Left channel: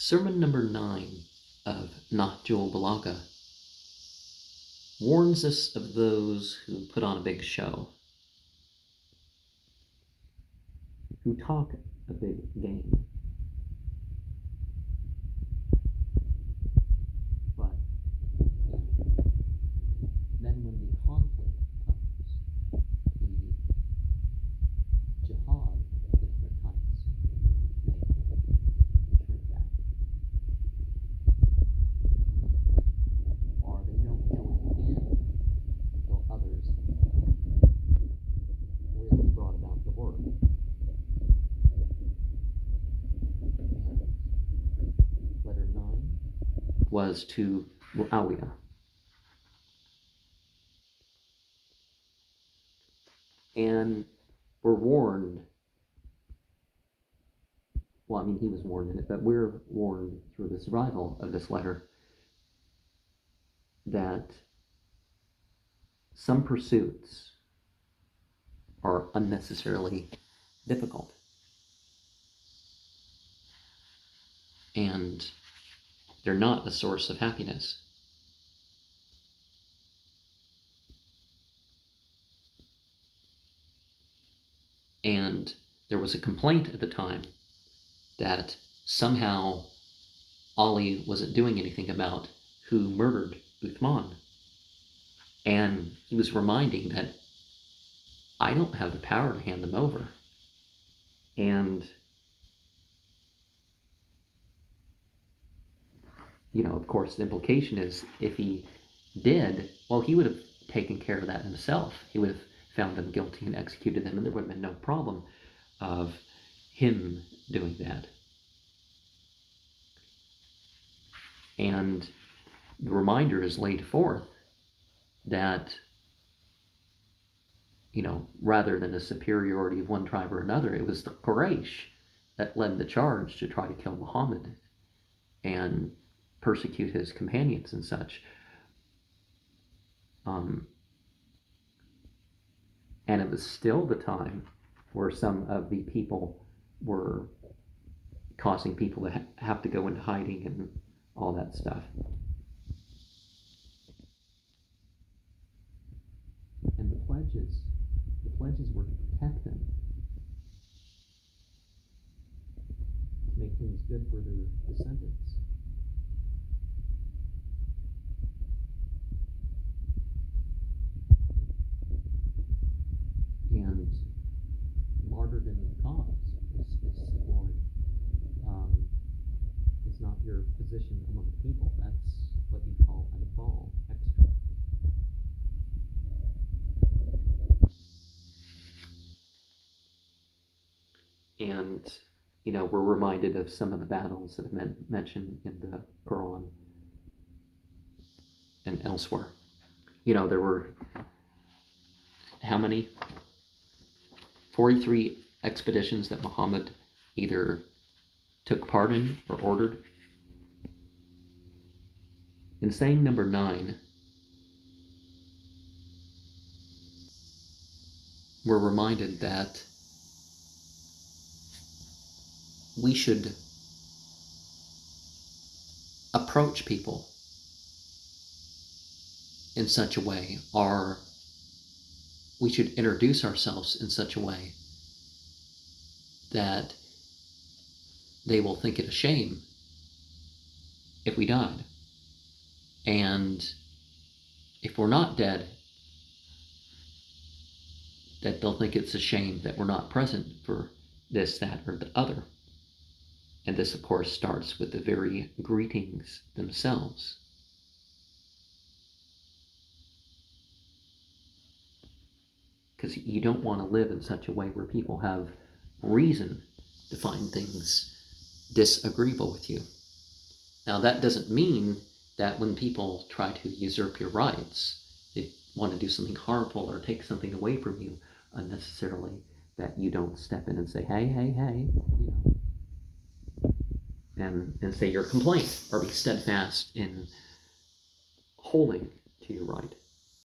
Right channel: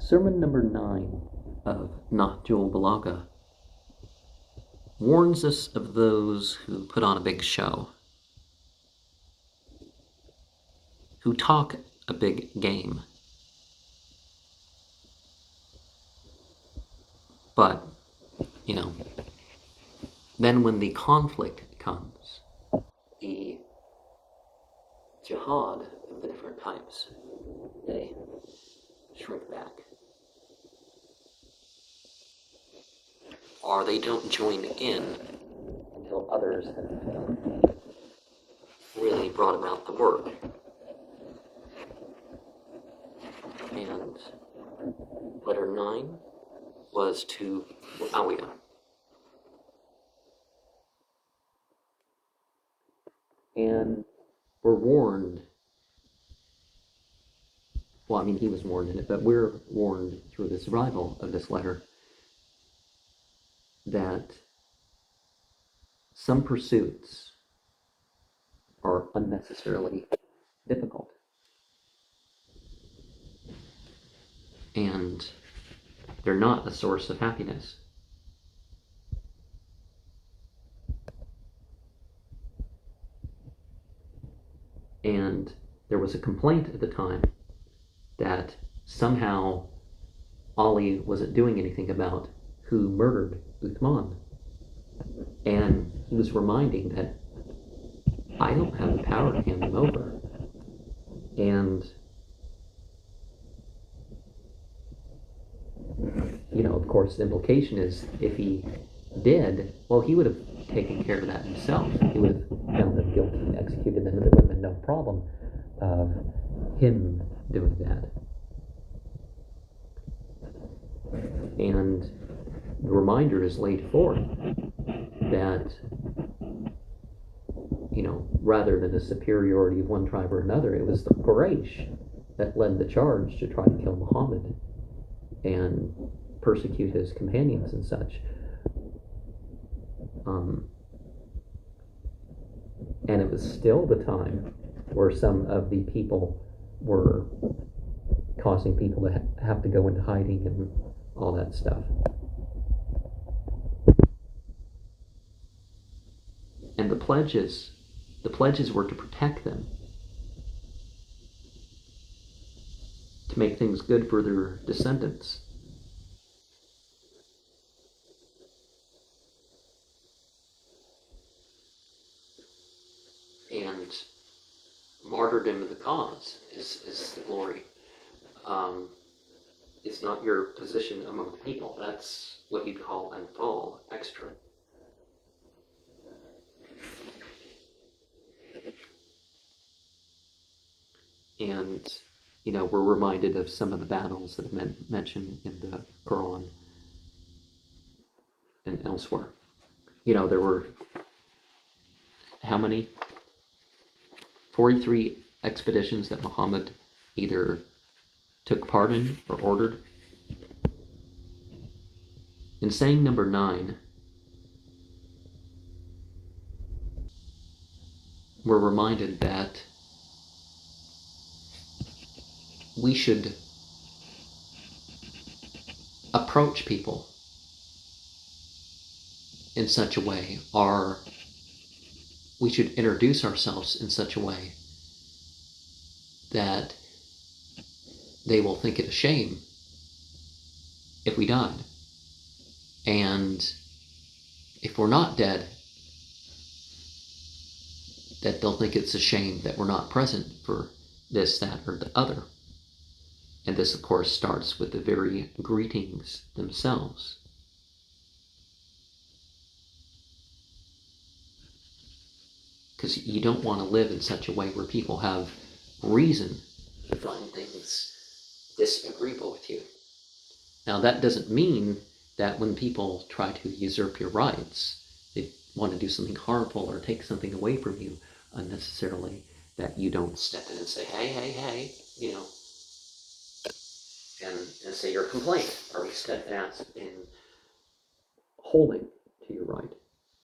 Sermon number 9 of Nahjul Balagah warns us of those who put on a big show, who talk a big game, but, then when the conflict comes, the jihad of the different types, they shrink back. Or they don't join in until others have really brought about the work. And letter 9 was to Muawiyah. And we're warned, he was warned in it, but we're warned through the survival of this letter that some pursuits are unnecessarily difficult. And they're not a source of happiness. And there was a complaint at the time that somehow Ali wasn't doing anything about who murdered Uthman. And he was reminding that I don't have the power to hand him over. And, of course, the implication is if he did, well, he would have taken care of that himself. He would have found them guilty and executed them, and there would have been no problem of him doing that. And the reminder is laid forth that, rather than a superiority of one tribe or another, it was the Quraysh that led the charge to try to kill Muhammad and persecute his companions and such. And it was still the time where some of the people were causing people to have to go into hiding and all that stuff. And the pledges were to protect them, to make things good for their descendants. And martyrdom of the cause is the glory. It's not your position among the people. That's what you'd call an fall extra. And, we're reminded of some of the battles that have been mentioned in the Quran and elsewhere. There were, how many? 43 expeditions that Muhammad either took part in or ordered. In saying number 9, we're reminded that we should approach people in such a way, or we should introduce ourselves in such a way that they will think it a shame if we died. And if we're not dead, that they'll think it's a shame that we're not present for this, that, or the other. And this, of course, starts with the very greetings themselves. Because you don't want to live in such a way where people have reason to find things disagreeable with you. Now, that doesn't mean that when people try to usurp your rights, they want to do something harmful or take something away from you unnecessarily, that you don't step in and say, hey, and say your complaint, or be steadfast in holding to your right.